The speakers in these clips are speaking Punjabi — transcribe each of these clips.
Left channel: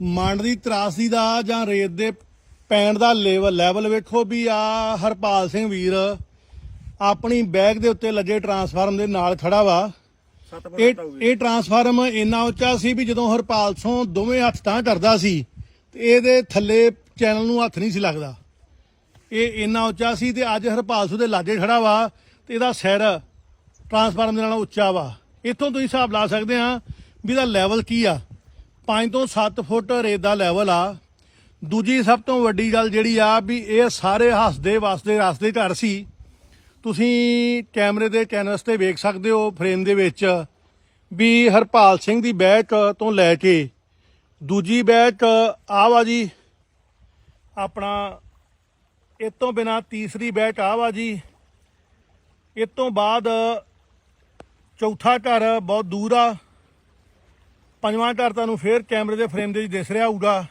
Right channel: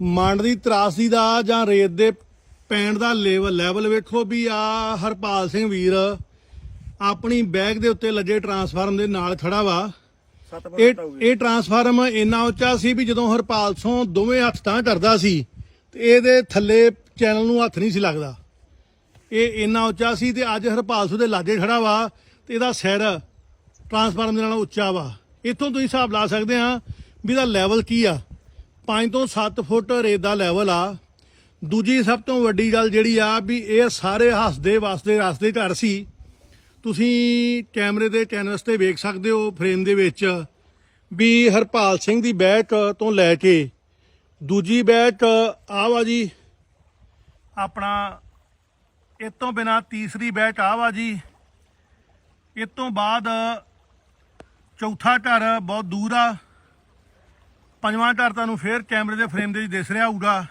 ਮੰਡ ਦੀ ਤਰਾਸੀ ਦਾ ਜਾਂ ਰੇਤ ਦੇ ਪੈਣ ਦਾ ਲੈਵਲ ਲੈਵਲ ਵੇਖੋ ਵੀ ਆ ਹਰਪਾਲ ਸਿੰਘ ਵੀਰ ਆਪਣੀ ਬੈਗ ਦੇ ਉੱਤੇ ਲੱਗੇ ਟਰਾਂਸਫਾਰਮ ਦੇ ਨਾਲ ਖੜਾ ਵਾ। 7 ਇਹ ਇਹ ਟਰਾਂਸਫਾਰਮ ਇੰਨਾ ਉੱਚਾ ਸੀ ਵੀ ਜਦੋਂ ਹਰਪਾਲ ਸਿੰਘ ਦੋਵੇਂ ਹੱਥ ਤਾਂ ਕਰਦਾ ਸੀ ਤੇ ਇਹਦੇ ਥੱਲੇ ਚੈਨਲ ਨੂੰ ਹੱਥ ਨਹੀਂ ਸੀ ਲੱਗਦਾ। ਇਹ ਇੰਨਾ ਉੱਚਾ ਸੀ ਤੇ ਅੱਜ ਹਰਪਾਲ ਸਿੰਘ ਦੇ ਲਾਗੇ ਖੜਾ ਵਾ ਤੇ ਇਹਦਾ ਸਿਰ ਟਰਾਂਸਫਾਰਮ ਦੇ ਨਾਲੋਂ ਉੱਚਾ ਵਾ। ਇੱਥੋਂ ਤੁਸੀਂ ਹਿਸਾਬ ਲਾ ਸਕਦੇ ਆ ਵੀ ਇਹਦਾ ਲੈਵਲ ਕੀ ਆ। 5 ਤੋਂ 7 ਫੁੱਟ ਰੇਤ ਦਾ ਲੈਵਲ ਆ। ਦੂਜੀ ਸਭ ਤੋਂ ਵੱਡੀ ਗੱਲ ਜਿਹੜੀ ਆ ਵੀ ਇਹ ਸਾਰੇ ਹੱਸਦੇ ਵਸਦੇ ਰਸਤੇ ਘਰ ਸੀ। ਤੁਸੀਂ ਕੈਮਰੇ ਦੇ ਕੈਨਵਸ ਤੇ ਵੇਖ ਸਕਦੇ ਹੋ ਫਰੇਮ ਦੇ ਵਿੱਚ ਵੀ ਹਰਪਾਲ ਸਿੰਘ ਦੀ ਬੈਕ ਤੋਂ ਲੈ ਕੇ ਦੂਜੀ ਬੈਕ ਆਹ ਵਾ ਜੀ, ਆਪਣਾ ਇਹ ਤੋਂ ਬਿਨਾ ਤੀਸਰੀ ਬੈਚ ਆ ਵਾ ਜੀ। ਇਹ ਤੋਂ ਬਾਅਦ ਚੌਥਾ ਘਰ ਬਹੁਤ ਦੂਰ ਆ। ਪੰਜਵਾਂ ਘਰ ਤੁਹਾਨੂੰ ਫੇਰ ਕੈਮਰੇ ਦੇ ਫਰੇਮ ਦੇ ਵਿੱਚ ਦਿਸ ਰਿਹਾ ਹੋਊਗਾ।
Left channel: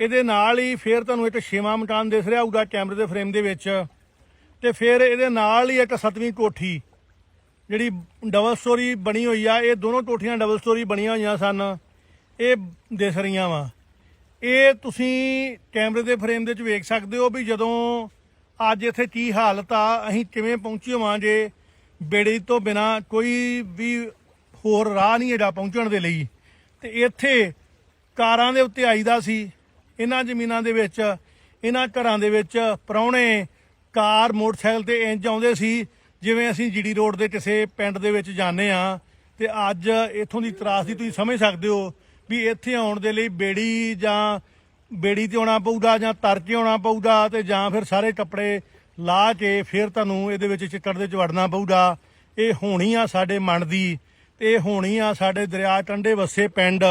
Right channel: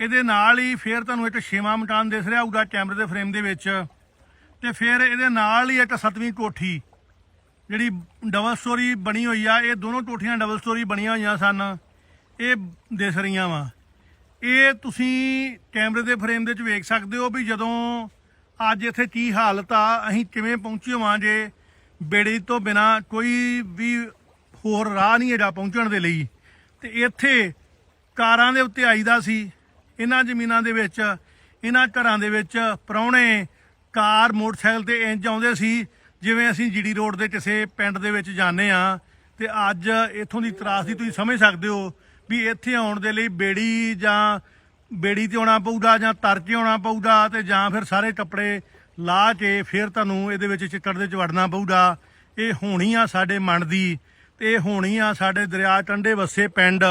ਇਹਦੇ ਨਾਲ ਹੀ ਫੇਰ ਤੁਹਾਨੂੰ ਇੱਕ ਛੇਵਾਂ ਮਟਾਨ ਦਿਸ ਰਿਹਾ ਹੋਊਗਾ ਕੈਮਰੇ ਦੇ ਫਰੇਮ ਦੇ ਵਿੱਚ। ਤੇ ਫਿਰ ਇਹਦੇ ਨਾਲ ਹੀ ਇੱਕ ਸੱਤਵੀਂ ਕੋਠੀ, ਜਿਹੜੀ ਡਬਲ ਸਟੋਰੀ ਬਣੀ ਹੋਈ ਆ, ਇਹ ਦੋਨੋਂ ਕੋਠੀਆਂ ਡਬਲ ਸਟੋਰੀ ਬਣੀਆਂ ਹੋਈਆਂ ਸਨ। ਇਹ ਦਿਸ ਰਹੀਆਂ ਵਾ। ਇਹ ਤੁਸੀਂ ਕੈਮਰੇ ਦੇ ਫਰੇਮ ਦੇ ਵਿੱਚ ਵੇਖ ਸਕਦੇ ਹੋ ਵੀ ਜਦੋਂ ਅੱਜ ਇੱਥੇ ਕੀ ਹਾਲਤ ਆ, ਅਸੀਂ ਕਿਵੇਂ ਪਹੁੰਚੇ ਹੋਵਾਂ ਜੇ ਬੇੜੀ ਤੋਂ ਬਿਨਾ ਕੋਈ ਵੀ ਹੋਰ ਰਾਹ ਨਹੀਂ ਹੈਗਾ ਪਹੁੰਚਣ ਦੇ ਲਈ। ਤੇ ਇੱਥੇ ਕਾਰਾਂ ਦੇ ਉੱਤੇ ਆਈਦਾ ਸੀ। ਇਹਨਾਂ ਜ਼ਮੀਨਾਂ ਦੇ ਵਿੱਚ, ਇਹਨਾਂ ਘਰਾਂ ਦੇ ਵਿੱਚ ਪ੍ਰਾਹੁਣੇ ਕਾਰ, ਮੋਟਰਸਾਈਕਲ ਤੇ ਇੰਜ ਆਉਂਦੇ ਸੀ, ਜਿਵੇਂ ਅਸੀਂ ਜੀਡੀ ਰੋਡ ਦੇ ਕਿਸੇ ਪਿੰਡ ਦੇ ਵਿੱਚ ਜਾਂਦੇ ਆ ਤੇ ਅੱਜ ਇੱਥੋਂ ਦੀ ਤਰਾਸਦੀ ਤੁਸੀਂ ਸਮਝ ਸਕਦੇ ਹੋ ਵੀ ਇੱਥੇ ਆਉਣ ਦੇ ਲਈ ਬੇੜੀ ਜਾਂ ਬੇੜੀ ਤੇ ਆਉਣਾ ਪਊਗਾ ਜਾਂ ਤਰ ਕੇ ਆਉਣਾ ਪਊਗਾ ਤੇ ਜਾਂ ਫਿਰ ਸਾਰੇ ਕੱਪੜੇ ਲਾ ਕੇ ਫਿਰ ਤੁਹਾਨੂੰ ਇਹਦੇ ਵਿੱਚ ਚਿੱਕੜ ਦੇ ਚ ਵੜਨਾ ਪਊਗਾ। ਇਹ ਹੋਣੀ ਆ ਸਾਡੇ ਮਨ ਦੀ ਤੇ ਇਹ ਹੋਣੀ ਆ ਸਾਡੇ ਦਰਿਆ ਟੰਡੇ ਵਸੇ ਪਿੰਡ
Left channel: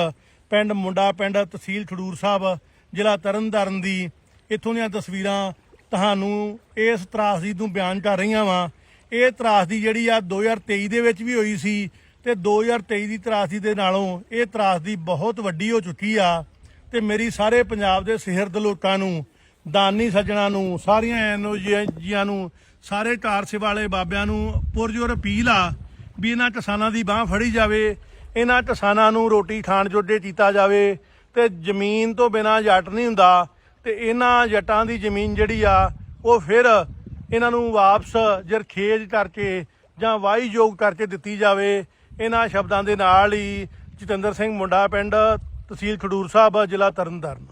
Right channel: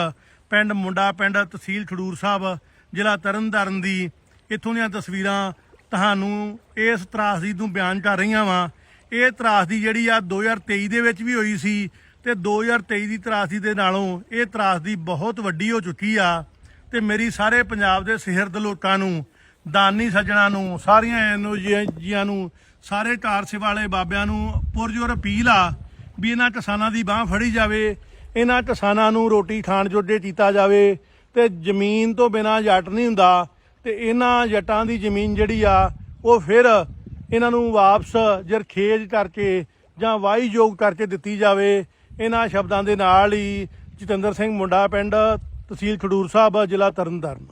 ਪਿੰਡ ਮੁੰਡਾ ਪਿੰਡ ਤਹਿਸੀਲ ਖਡੂਰ ਸਾਹਿਬ, ਜ਼ਿਲ੍ਹਾ ਤਰਨਤਾਰਨ ਦੀ। ਇੱਥੋਂ ਦੀਆਂ ਤਸਵੀਰਾਂ ਤੁਹਾਨੂੰ ਇਸ ਤਰਾਸਦੀ ਨੂੰ ਬਿਆਨ ਕਰ ਰਹੀਆਂ ਵਾਂ। ਇਹ ਤਰਾਸਦੀ ਜਿਹੜੀ ਆ 2023 ਦੇ ਵਿੱਚ ਵੀ ਹੋਈ ਸੀ ਤੇ 2023 ਦੀ ਤਰਾਸਦੀ ਦੇ ਨਾਲੋਂ ਇਹ ਤਰਾਸਦੀ ਬਹੁਤ ਵੱਡੀ ਹੋ ਚੁੱਕੀ ਆ। ਤੇ ਮੇਰੀ ਸਾਰੇ ਪੰਜਾਬ ਦੇ ਸਿਹਰਦ ਲੋਕਾਂ ਨੂੰ, ਦਾਨੀ ਸੱਜਣਾ ਨੂੰ, ਸਾਰੀਆਂ ਐਨਓਜੀਆਂ ਨੂੰ, ਸਾਰੇ ਕਾਰ ਵਾਲੇ ਬਾਬਿਆਂ ਨੂੰ ਪੁਰਜੋਰ ਅਪੀਲ ਆ ਵੀ ਇਹਨਾਂ ਕਿਸਾਨਾਂ ਦੀ ਬਾਹ ਫੜੀ ਜਾਵੇ, ਇਹਨਾਂ ਕਿਸਾਨਾਂ ਨੂੰ ਰੋਟੀ ਖਾਣ ਜੋਗੇ ਕੀਤਾ ਜਾਵੇ ਤੇ ਜ਼ਮੀਨ ਤੋਂ ਬਿਨਾਂ ਜੱਟ ਨਹੀਂ ਹੁੰਦਾ ਤੇ ਇਹਨਾਂ ਜੱਟਾਂ ਦੀ ਜ਼ਮੀਨ ਜਿਹੜੀ ਆ, ਉਹ ਫਿਰ ਇਹਨਾਂ ਨੂੰ ਵਾਪਸ ਜਰਖੇਜ ਕਰਕੇ ਜਾਂ ਵਾਈ ਯੋਗ ਕਰਕੇ ਦਿੱਤੀ ਜਾਵੇ। ਇਹਨਾਂ ਸ਼ਬਦਾਂ ਦੇ ਨਾਲ ਹੀ ਜਤਿੰਦਰ ਸਿੰਘ ਮੁੰਡਾ ਪਿੰਡ ਤਹਿਸੀਲ ਖਡੂਰ ਸਾਹਿਬ, ਜ਼ਿਲ੍ਹਾ ਤਰਨਤਾਰਨ।